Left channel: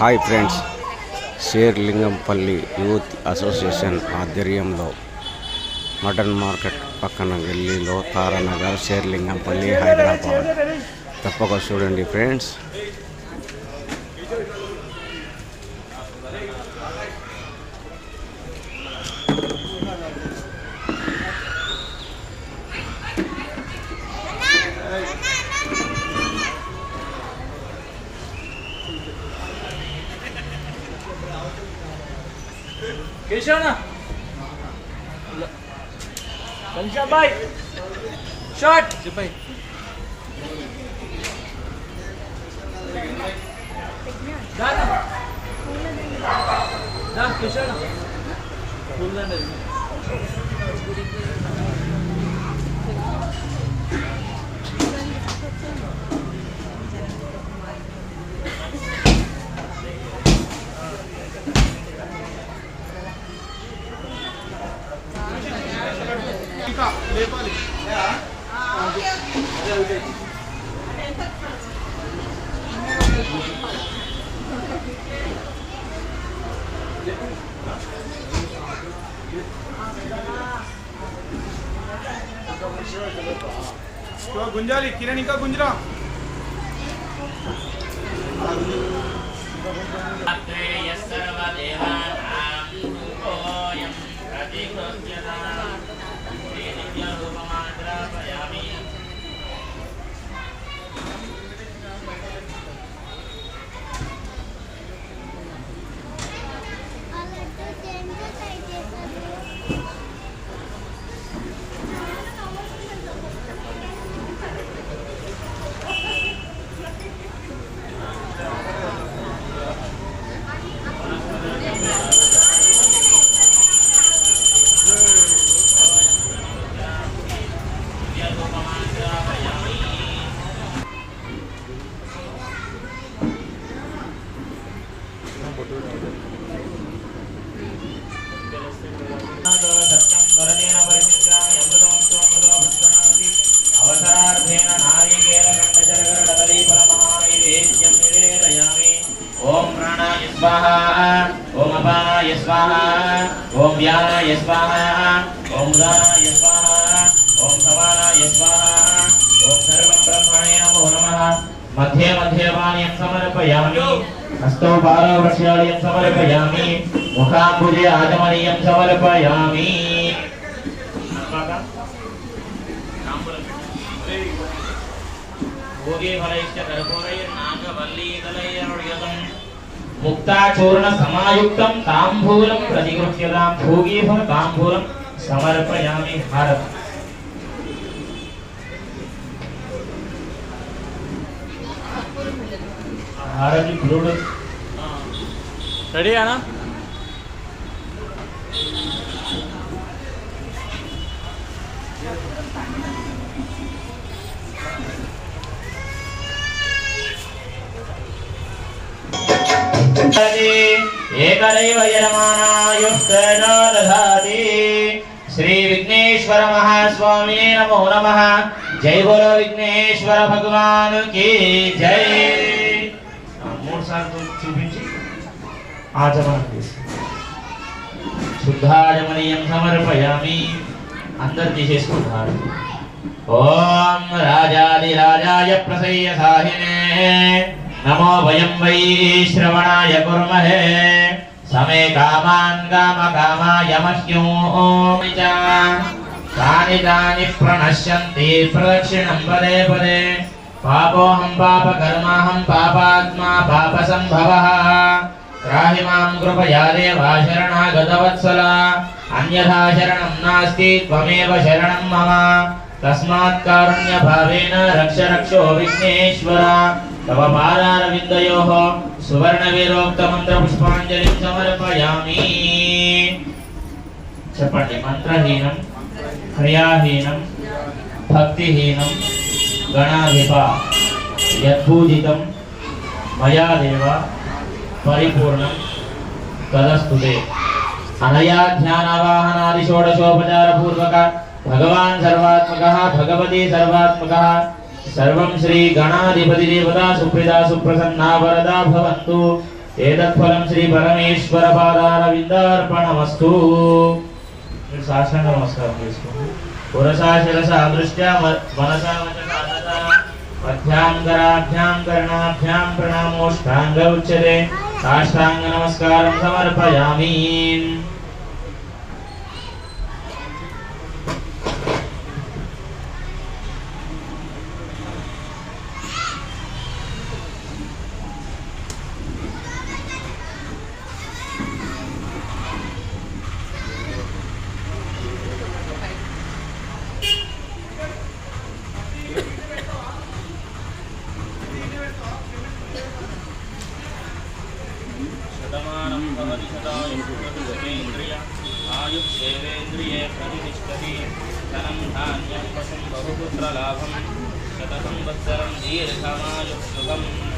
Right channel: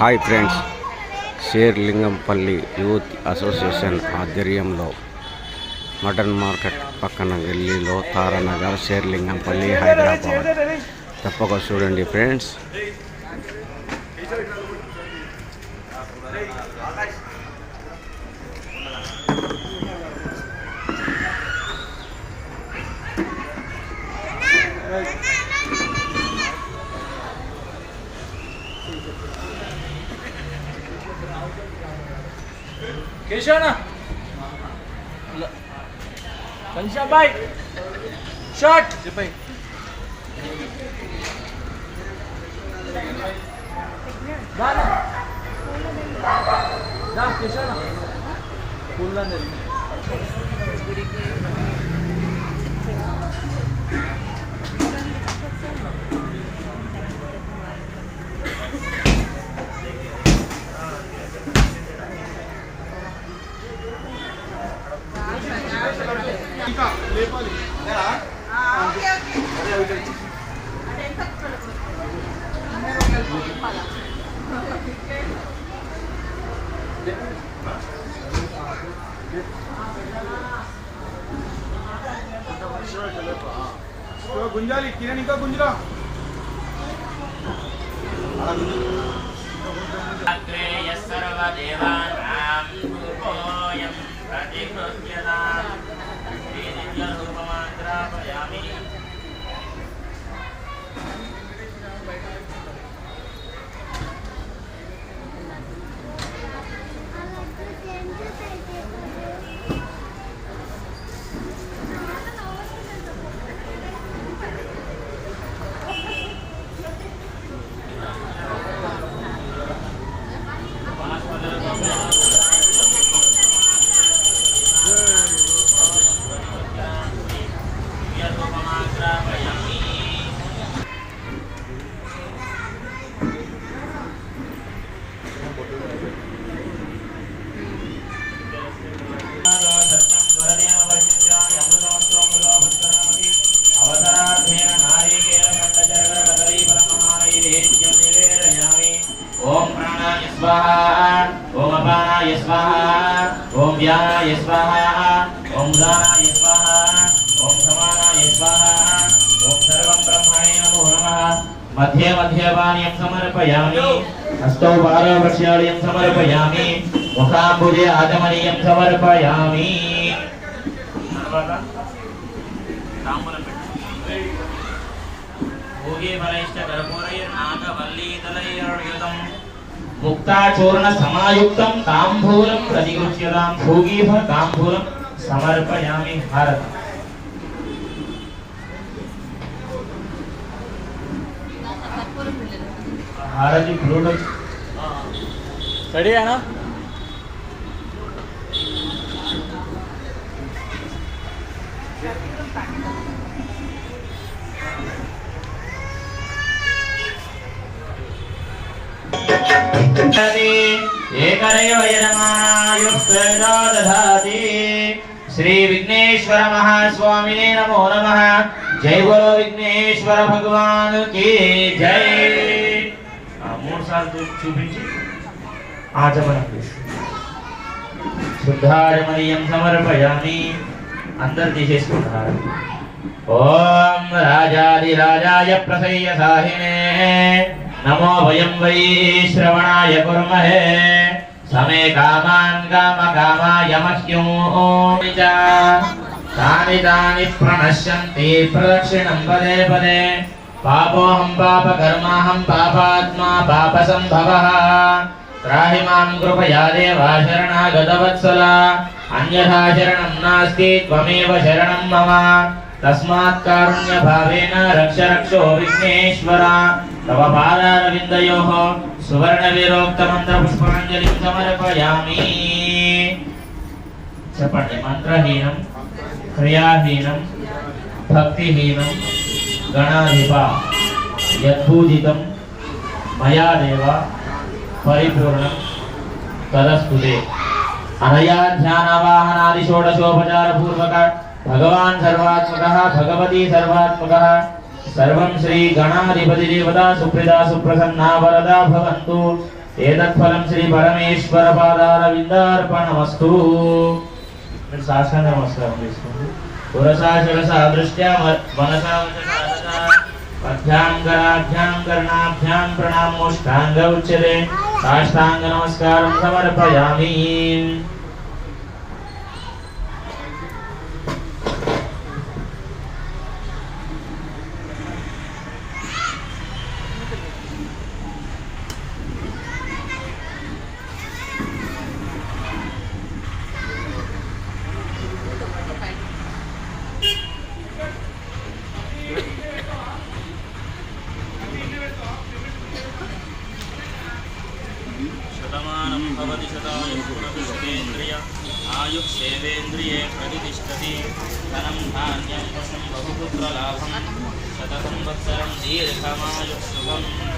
Hi friends, Serilingampally youth association ఆధ్వర్యంలో mutton market పక్కన గల్లీలో తారానగర్, షేర్లింగంపల్లి, హైదరాబాద్. తప్పక చూడండి friends. Kishana, Bansha bhai, shot. Dana, da Kishana, pulla ne. లేపాలి గుంజాలి కిరణ్ ఇంకా గుంజరా ओम अपानाय स्वाहा, ओम व्यानाय स्वाहा, ओम उदानाय स्वाहा, ओम समानाय स्वाहा, ओम सर्वं ब्रह्मणे नमो नमः। मध्ये मध्ये पानीयं समर्पयामि, हस्तौ पादौ वक्ष्यालयं समर्पयामि, मुखाम्बुजे आचमनीयं समर्पयामि। भोगे फलैश्च कर्पूरैर्नागवल्लीदलैर्युतं मुक्ताचूर्ण समायुक्तं तांबूलं प्रतिगृह्यतां। भोगीफ तांबूलं समर्पयामि। भारत हाराजी ब्लूटूथ रेडी है ना? एकदैव यजमानायुक्तेनो दधाति। श्री विघ्नेश्वर महास्वामिने नमो नमः। जय बोलो विघ्नेश्वर भगवान की जय। मूड सार्లు చూపించి ఆచమనం చేసి శుద్ధాచమనీయం సమర్పయామి। అందరూ తీసేసుకుంటారు। ఓం రాజాదిరాజాయ ప్రసయ్య సాహినే नमो वयं वै श्रवणाय कुर्महे। समे कामान् कामकामाय मह्यं तानि तानि प्रणश्यन्ति प्रदक्षिणं पदे पदे। पापोऽहं पापकर्माहं पापात्मा पापसम्भवः। त्राहि मां कृपया देव शरणागतवत्सल। अन्यथा शरणं नास्ति, त्वमेव शरणं मम। तस्मात् कारुण्यभावेन रक्ष रक्षो विघ्नेश्वर। तव पादारविन्दयोः सुवर्णवीरोक्तमन्त्रपुष्पाञ्जलिं समर्पयामि। చెప్పండి। మంత్రహీనం, క్రియాహీనం, భక్తిహీనం, గణాధిప యద్భూజితం మయా దేవ పరిపూర్ణం తదస్తుతే। అనయా ధ్యానవాహనాది షోడశోపచార పూర్వక भगवान् सर्वात्मकः भगवती सर्वात्मकः सर्वं श्री गणाधिपति देवता सुप्रदा सुप्रसन्ना वरदा भवन्तु। ఏతత్ఫలం శ్రీ పరమేశ్వర పాదారవిందార్పణమస్తు. మీరు సాష్టాంగ నమస్కారం చేసుకోండి. పురసా శిరసా దృష్ట్యా మనసా పద్భ్యాం కర్ణాభ్యాం ప్రణామోష్టాంగ ఉచ్యతే. సాష్టాంగ నమస్కారం సమర్పయామి. शतमानं भवति शतायुः पुनर्दशतेन्द्रिय आयुष्येवेन्द्रिये प्रतिष्ठति धनं धान्यं पशुं बहुपुत्रलाभं शतसंवत्सरं दीर्घमायुः शुभम्.